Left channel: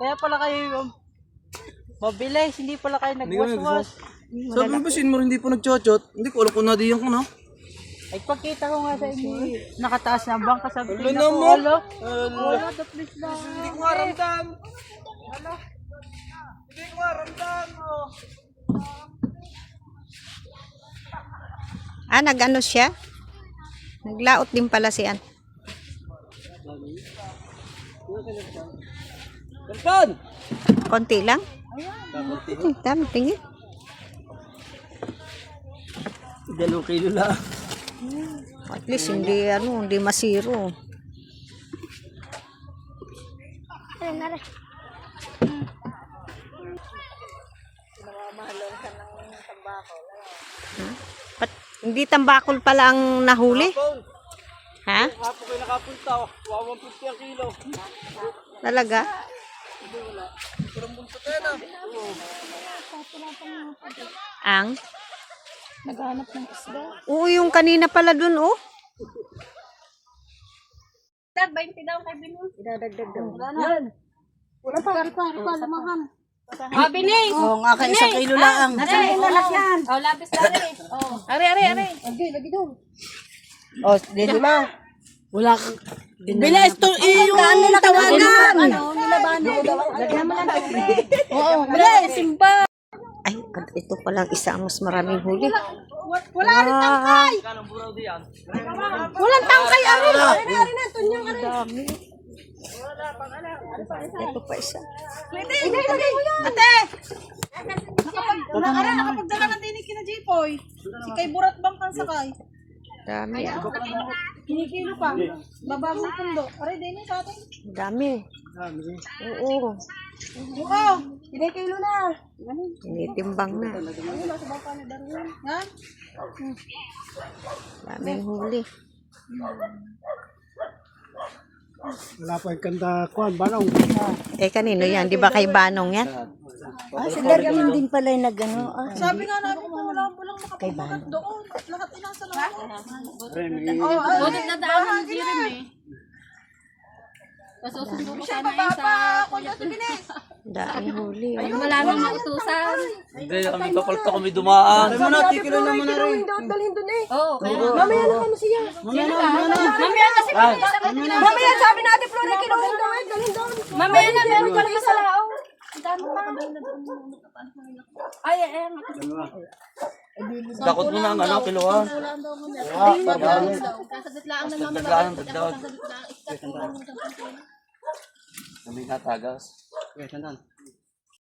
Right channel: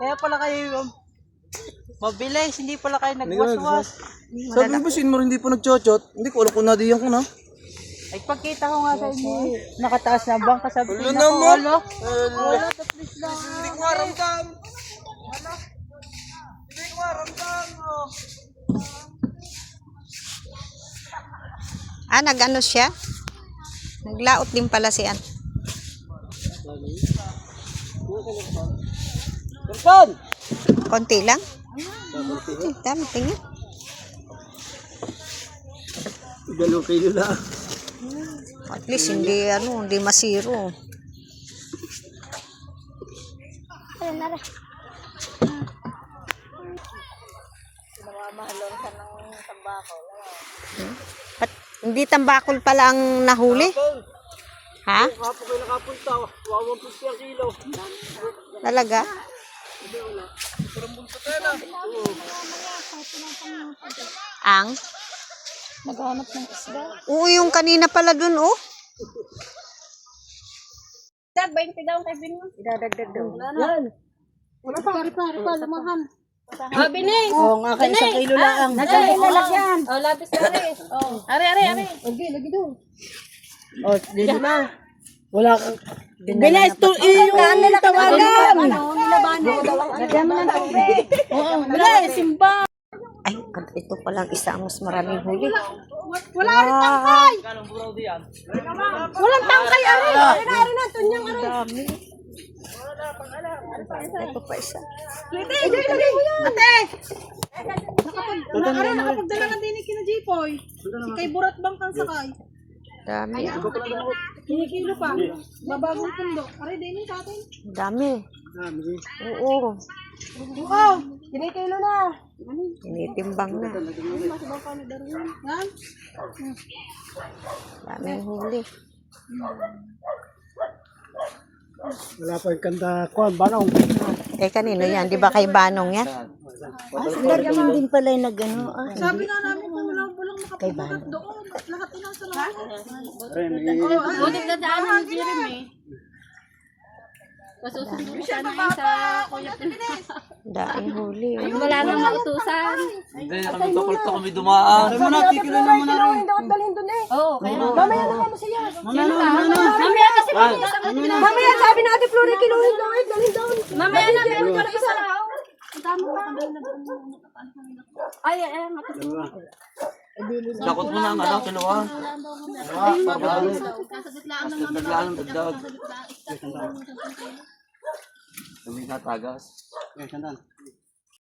Kaya pala kayo mabilis, hindi pala kayo nagwas-was. Sabi mo ba sin mo hindi pa nagchot-chot? Hindi ko alam kung nadiyan ko na. Ay pagkita ko nga sa inyo, nakataas na bangka sabi ko. Wala naman. Wala, at least lang. Hindi ko maramdam. Wala. Hindi ko maramdam. Nag-ano siya? Naglaot din pala siya. Kapon! Konti lang? Dami, tingin. 2 kilo lang. At least hindi masiro. Hindi tambakol pala ang nahuli? Ha? Kapag ko nakapunta, 150 kilo. Talaga? Ang? Naghahanap ng isda. Oo, yung kanina pala dun, oh. 20 daw kay Binmo. Idadagdag daw. Yan. Wala pa, pare, lumahan. Bining! Oo, nga kayo 1 kilo lang. Nasaan yung lalas yan? Labis na rin. Are. Lagi doon. Dito na. Wala kang... Binis to, yung nila tawagan. Nilabanan. Lagyan mo ng tubig. Simba. Ay, ito palang isa mas maraming huli. Wala rin tangkay. Walang tangkay. Ari na. Tunyong ari. Dami. Ito pa isa. Ate! Nakapagdala ka din ni Kina Jipoy. Si kay Burat Bang kang sakay. Dami. Kinikilo pa. Babagong pundo. Aray, din sa atin. Dami. Oo. Oo. Kinikilo na. Tinitimbang na. Yan. Daming huli. Wala pa yung kanta ko, banong. Kanino yan? Di ba kay Banong yan? Lagyan din pala yung nag-ano. Sabi nga namin kung walang nakapulat doon. Lahat inasa lang. Oo, nagdadaan ng Jirin eh. Kasusundo siya na yun sa kuya. Daing huli. Wala nang mautusan. Hindi, kami papalit kami dumaan. Ay, mana, tikilan naman na rin. Dalhin doon eh. Oo. Mamaya na kamo siya. Mamaya kasi mamaya sabi natin Flori kinuhin doon. Dalhin doon. Mamaya na meron ka na isa lao. Ang dami pa. Ay. Dakot mo na ang kiluan. Kasaditlaan na naman. Naglaan ng dagdag. Kami natagas. Okay, sandan.